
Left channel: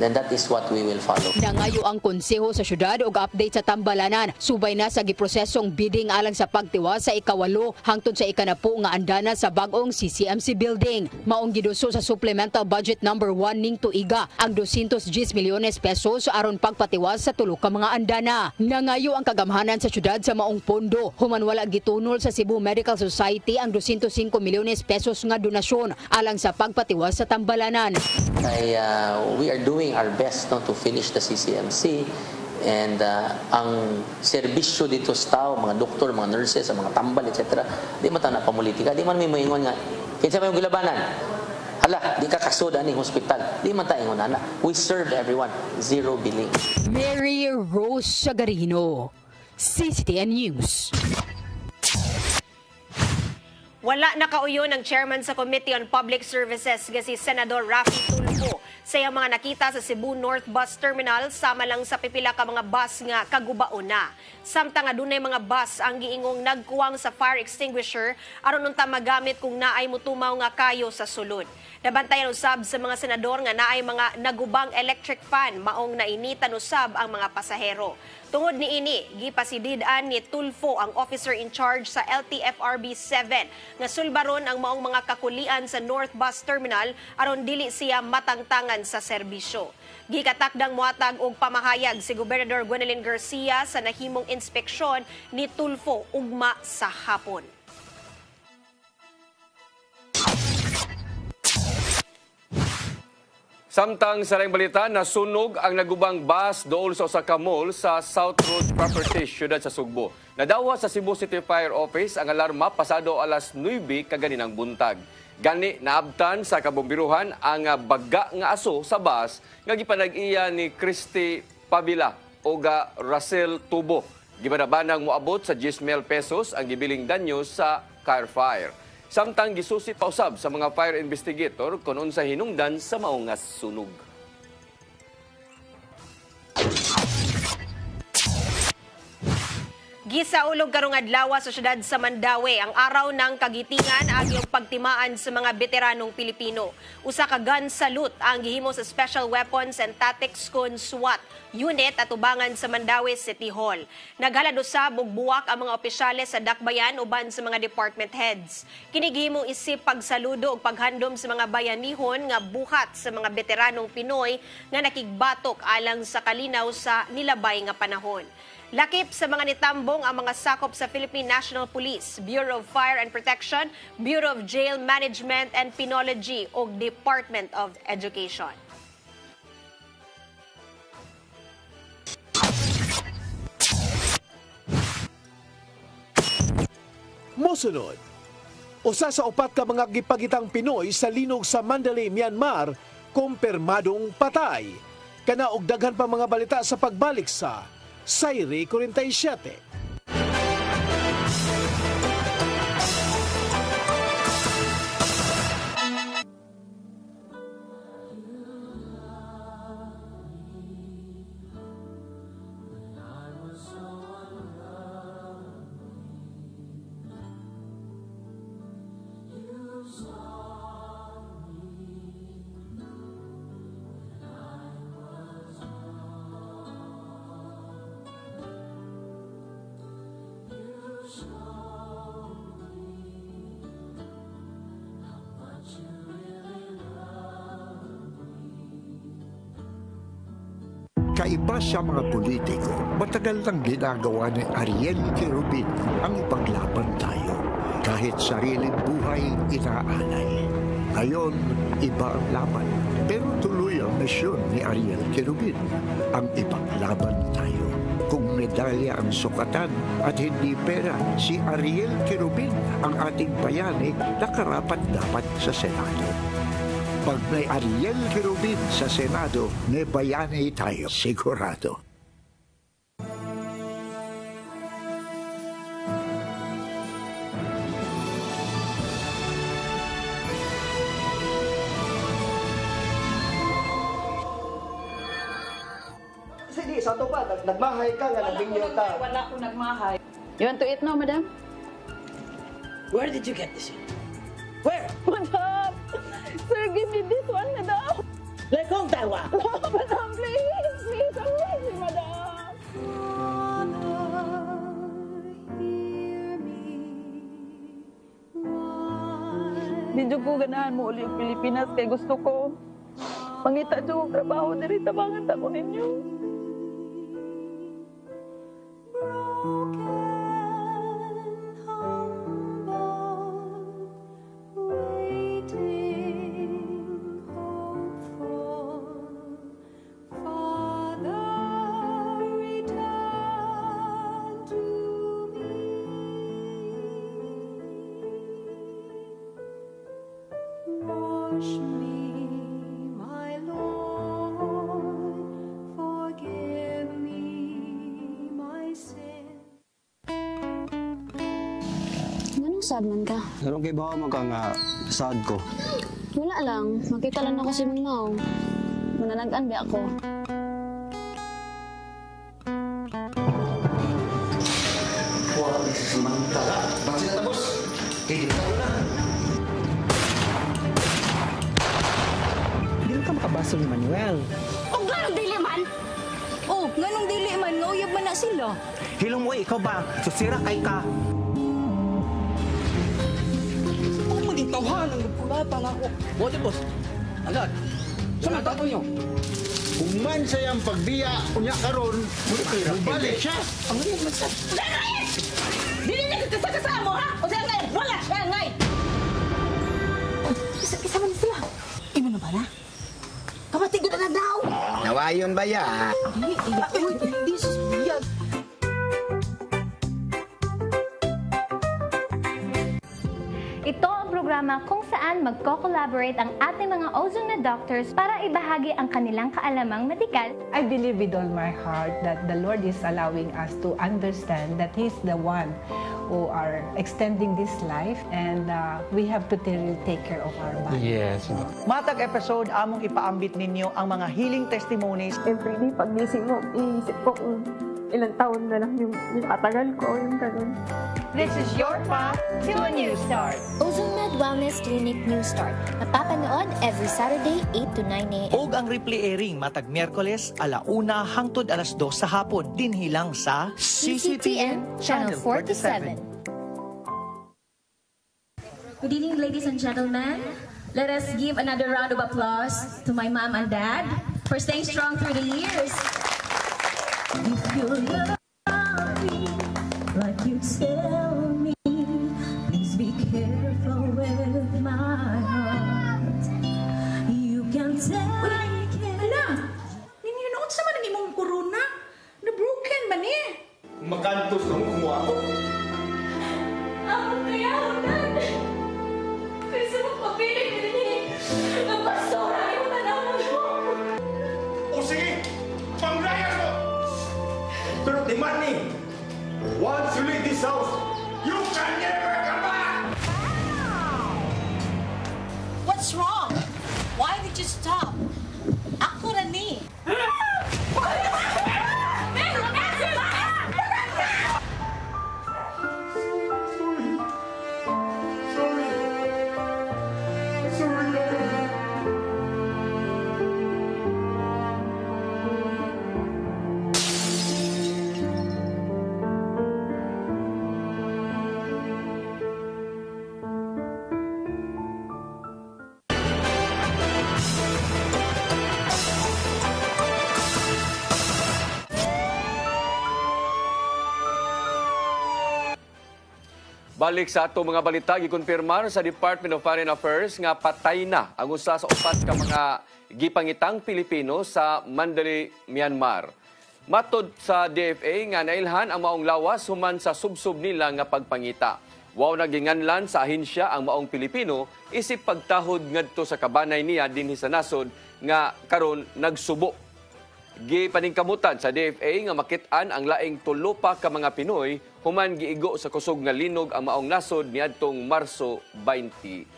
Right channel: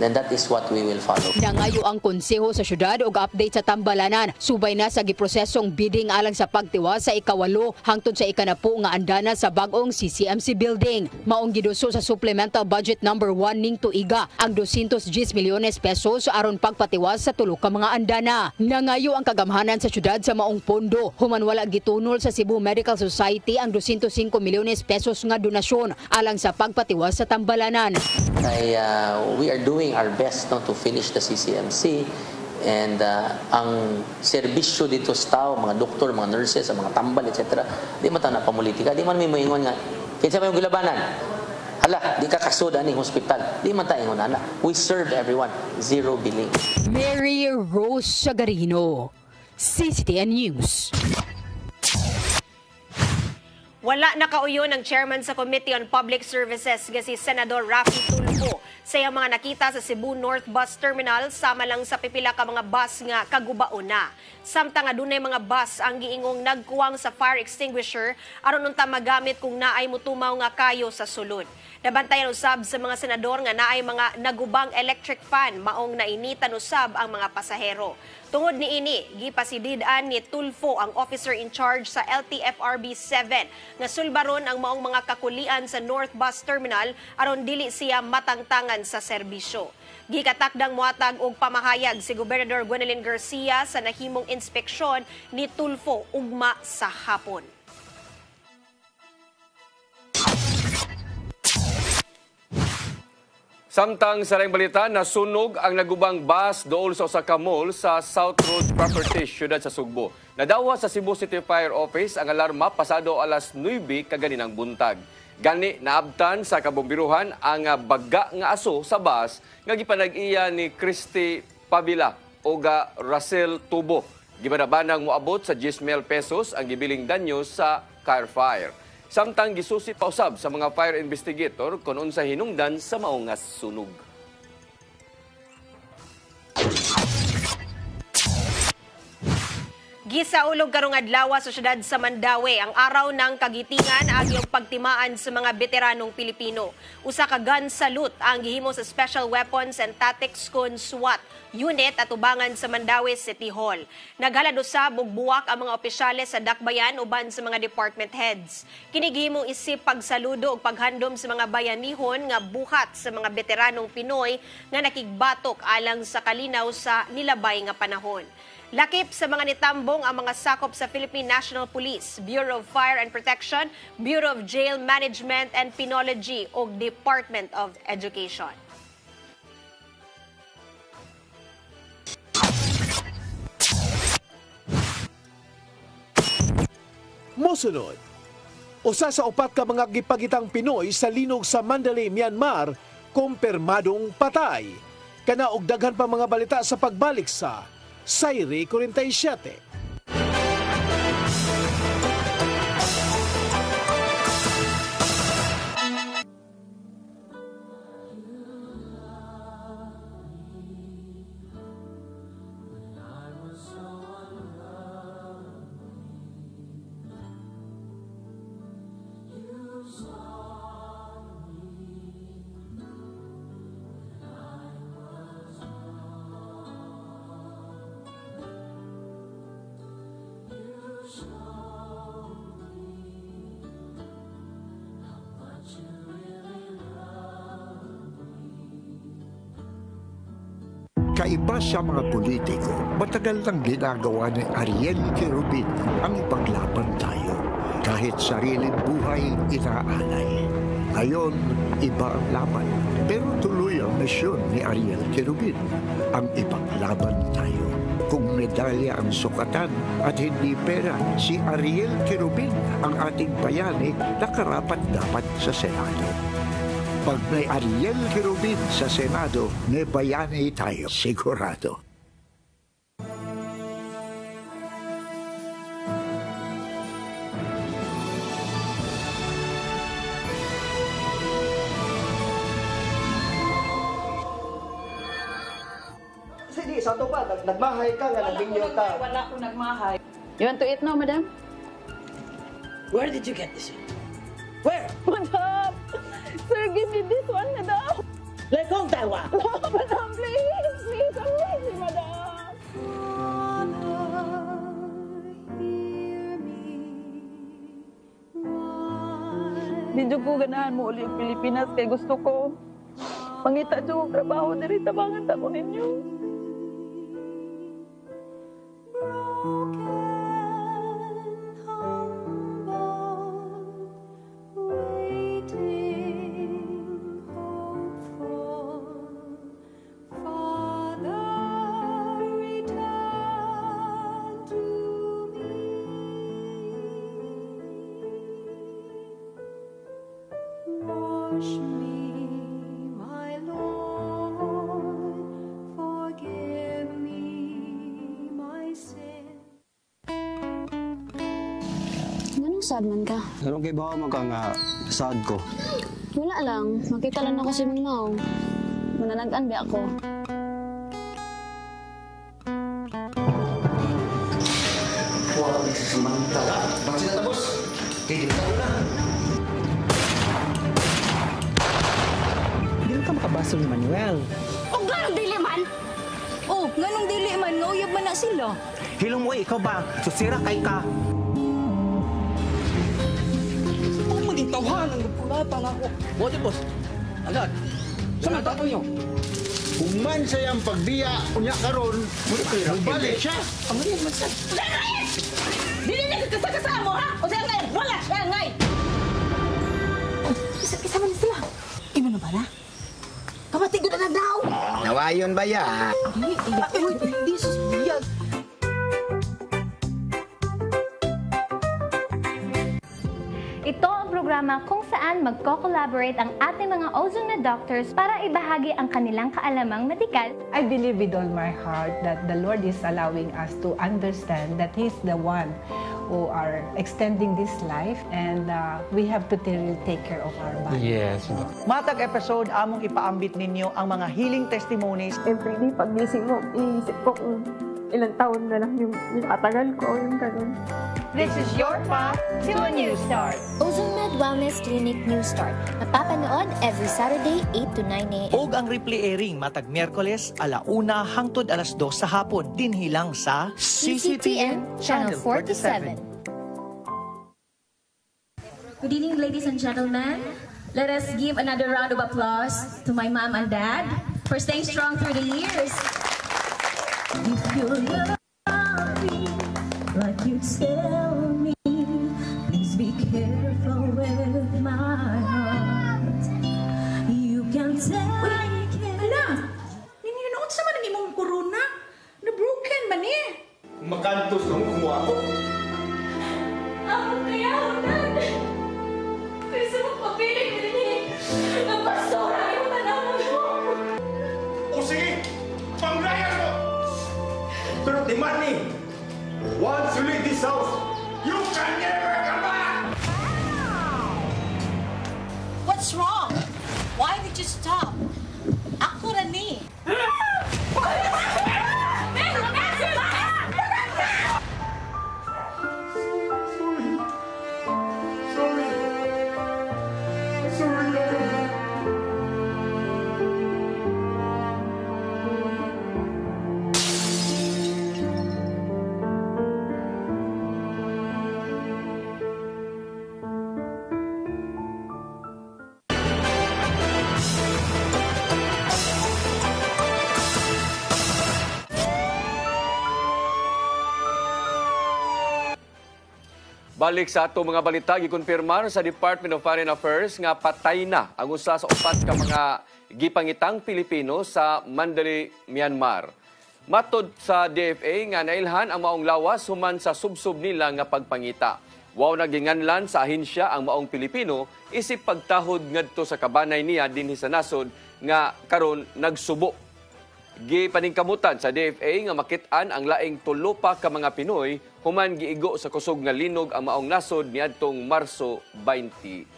then that is what we will follow. Nangayo ang konseho sa syudad og update sa tambalanan. Subay na sa giprosesong bidding alang sa pagtiwas sa ikawalo hangtod sa ikanapo nga andana sa bag-ong CCMC building. Maong giduso sa supplemental budget number 1 ning tuiga ang 210 milyones pesos aron pagpatiwas sa tulo ka mga andana. Nangayo ang kagamhanan sa syudad sa maong pondo human wala gitunol sa Cebu Medical Society ang 205 milyones pesos nga donasyon alang sa pagpatiwas sa tambalanan. We are doing our best to finish the CCMC, and ang serbisyo dito sa tao, mga doktor, mga nurses, mga tambal, etc. Di man ta na pamulitika, di man may maingon nga kinsa may gilabanan. Hala, di ka kasud ani hospital. Di man ta ingon ana. We serve everyone, zero billing. Mary Rose Sagarino, CCTN News. Wala nakauyon ang chairman sa Committee on Public Services nga si Senador Raffy Tulfo sa iyang mga nakita sa Cebu North Bus Terminal sama lang sa pipila ka mga bus nga kagubaon na. Samtang adunay mga bus ang giingong nagkuwang sa fire extinguisher aron unta magamit kung naay mutumaw nga kayo sa sulod. Nabantayan usab sa mga senador nga naay mga nagubang electric fan maong nainitan usab ang mga pasahero. Tungod ni ini, gipasididan ni Tulfo ang officer in charge sa LTFRB 7 nga sulbaron ang maong mga kakulian sa North Bus Terminal aron dili siya matangtangan sa serbisyo. Gikatakdang muhatag og pamahayag si Gobernador Gwendolyn Garcia sa nahimong inspeksyon ni Tulfo ugma sa hapon. Samtang sa laing balita, nasunog ang nagubang bus dool sa usa ka mall sa South Road Properties, siyudad sa Sugbo. Nadawa sa Cebu City Fire Office ang alarma pasado alas 9 kaganinang buntag. Gani naabtan sa kabombiruhan ang baga nga aso sa bus nga gipanag-iya ni Christy Pavila o Russell Tubo. Gibanabanang moabot sa 10,000 pesos ang gibiling danyo sa car fire. Samtang gisusi pausab sa mga fire investigator kung unsa hinungdan sa maungas sunog. Gisaulog karong adlaw sa syudad sa Mandaue ang araw ng kagitingan agyong pagtimaan sa mga veteranong Pilipino. Usa ka gun salute ang gihimo sa Special Weapons and Tactics Con SWAT unit at ubangan sa Mandaue City Hall. Naghalad usab og buwak ang mga opisyales sa dakbayan uban sa mga department heads. Kini gihimong isip pagsaludo ug paghandom sa mga bayanihon nga buhat sa mga veteranong Pinoy nga nakigbatok alang sa kalinaw sa nilabay nga panahon. Lakip sa mga nitambong ang mga sakop sa Philippine National Police, Bureau of Fire and Protection, Bureau of Jail Management and Penology o Department of Education. Mosunod, usa sa upat ka mga gipagitang Pinoy sa linog sa Mandalay, Myanmar, kumpirmadong patay. Kana og daghan pa mga balita sa pagbalik sa Sayri 47. Kaiba sa mga politiko, matagal nang ginagawa ni Ariel Querubin ang ipaglaban tayo. Kahit sariling buhay inaalay. Ngayon, iba ang laban. Pero tuloy ang misyon ni Ariel Querubin, ang ipaglaban tayo. Kung medalya ang sukatan at hindi pera, si Ariel Querubin ang ating bayani na karapat dapat sa Senado. Pag may Ariel Querubin sa Senado, may bayani tayo, sigurado. Sige, sa ito pa, nagmahay ka nga, nagbingyo ka. Wala akong nagmahay. You want to eat now, madam? Where did you get this? Where? Madam! Sir, give me this one, madam. Let go, tawa. No, madam, please. Please, please, madam. Medyo ko ganahan mo ulit Pilipinas kay gusto ko. Pangita dyan trabaho na rin tabangan tako ninyo. Sad man ka? Ano kay ba mo ka nga sad ko? Wala lang. Makita lang ako si Manaw. Manalagaan ba ako? Hindi ka makabaso ni Manuel. Oh, ganong dili man? Oh, ganong dili man. Nauyab man na sila. Hilong mo, ikaw ba? Sisira kay ka. Tawhan ang pulatan ako. Bote boss. Agad. Sama tapo nyo. Human sayang pagbiya, unya karon, mubalik siya. Ang naman siya. Dili na kasama mo, ha? O siya ngayon, wala siya ngayon. Isa man sila. Ino na ba na? Kapatid ko na daw. Nawayon ba ya? Hindi, susbiyag. Ito ang programa kung saan magko-collaborate ang ating mga ozone doctors para ibahagi ang kanilang kaalamang medikal. I believe with all my heart that the Lord is allowing us to understand that He's the one who are extending this life and we have to take care of our body. Yes. Matag episode, among ipaambit ninyo ang mga healing testimonies. Every day, pagising mo, iisip ko kung ilang taon na lang yung itatagal ko. Yung ganun. This is your path to a new start. Ozone Med Wellness Clinic New Start. Mapapanood every Saturday, 8 to 9 a.m. Og ang replay airing matag Miyerkules, 1:00 hangtod 2:00 sa hapon. Dinhi lang sa CCTN Channel 47. Good evening, ladies and gentlemen. Let us give another round of applause to my mom and dad for staying strong through the years. If you love me like you tell me, please be careful with my heart. You can take it. Ala, ninyo noon sa man ang imong corona? Na-broken man eh. Makantos nung kumuha ko. Ako kaya, Dad. Kasi magpapiling na rin eh. Ang pastora yung tanawin mo. O sige, panglayas mo! Pero demanding, once you leave this house, you can never come back! What's wrong? Why did you stop? Ako na ni. Balik sa ato mga balita, gikonfirmar sa Department of Foreign Affairs nga patay na ang usa sa upat ka mga gipangitang Pilipino sa Mandalay, Myanmar. Matod sa DFA nga nailhan ang maong lawas human sa subsub nila nga pagpangita. Wow naginganlan sa ahensya ang maong Pilipino isip pagtahod ngadto sa kabanay niya dinhi sa nasod nga karon nagsubo. Gipaningkamutan sa DFA nga makit-an ang laing 3 pa ka mga Pinoy human giigo sa kusog nga linog ang maong nasod niadtong Marso 28.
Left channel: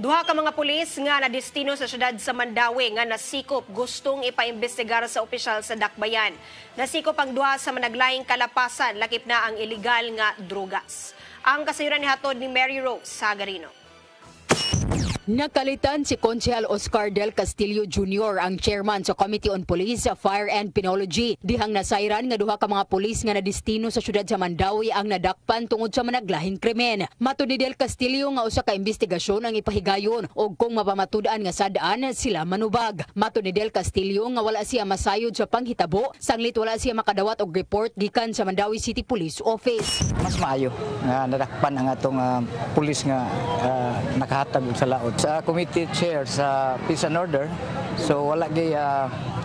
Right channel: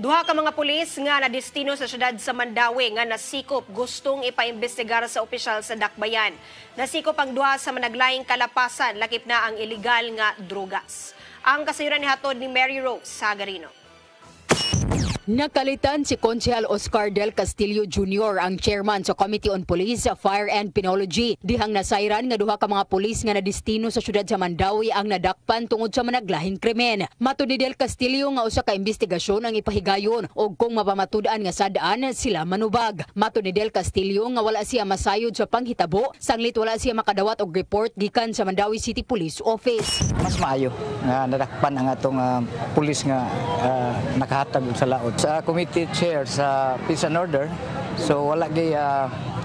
Duha ka mga pulis nga nadestino sa syudad sa Mandawi nga nasikop gustong ipaimbestigar sa opisyal sa Dakbayan. Nasikop ang duha sa managlaing kalapasan lakip na ang illegal nga drogas. Ang kasayuran ni hatod ni Mary Rose Sagarino. Nakalitan si Konsehal Oscar Del Castillo Jr. ang chairman sa Committee on Police, Fire and Penology. Dihang nasayran nga duha ka mga pulis nga nadestino sa syudad sa Mandawi ang nadakpan tungod sa managlahing krimen. Matud ni Del Castillo nga usa ka investigasyon ang ipahigayon og kung mapamatud-an nga sadaan sila manubag. Matud ni Del Castillo nga wala siya masayod sa panghitabo, sanglit wala siya makadawat og report gikan sa Mandawi City Police Office. Mas maayo nga nadakpan ang atong pulis nga nakahatag sa laod. Sa committee chair sa Peace and Order, so wala gay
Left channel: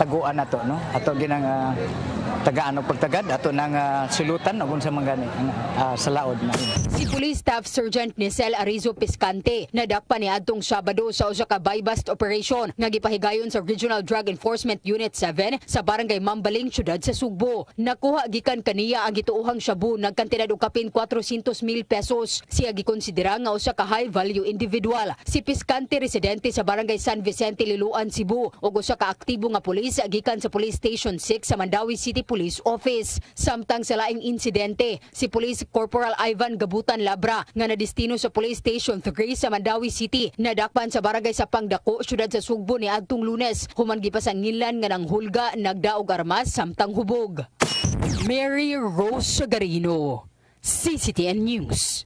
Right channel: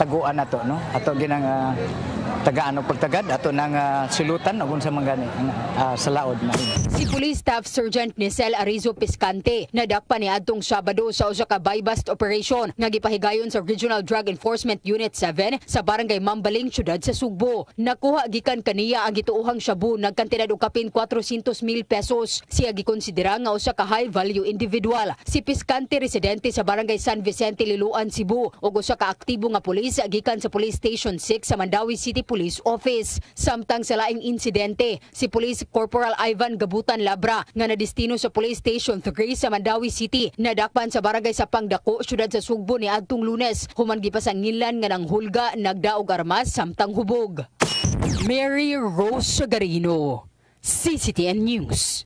taguan nato, no? Ato ginang tagaan o pagtagad ato nang silutan agon sa mga sa laod na. Si Police Staff Sergeant Nicel Arizo Piscante nadakpan niadtong Sabado sa usa ka buy-bust operation nga gipahigayon sa Regional Drug Enforcement Unit 7 sa Barangay Mambaling, syudad sa Sugbo. Nakuha gikan kaniya ang gituohang shabu nagkantidad og kapin 400,000 pesos. Siya gikonsidera nga usa ka high value individual. Si Piscante residente sa Barangay San Vicente, Liloan, Cebu ug usa ka aktibo nga pulis gikan sa Police Station 6 sa Mandawi City Police Office. Samtang sa laing insidente, si Police Corporal Ivan Gabutan Labra nga nadestino sa Police Station 3 sa Mandawi City nadakpan sa barangay sa Pangdako, syudad sa Sugbo niadtong Lunes human gipasangilan nga nang hulga, nagdaog armas samtang hubog. Mary Rose Sagarino, CCTN News.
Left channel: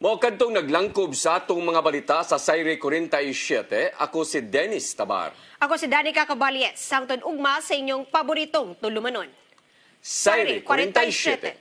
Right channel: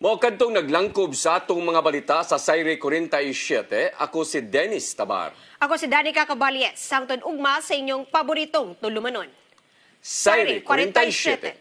Mao kadtong naglangkob sa atong mga balita sa Sayre 47, ako si Dennis Tabar. Ako si Danica Caballes, sangtod ugma sa inyong paboritong tulumanon. Sayre 47.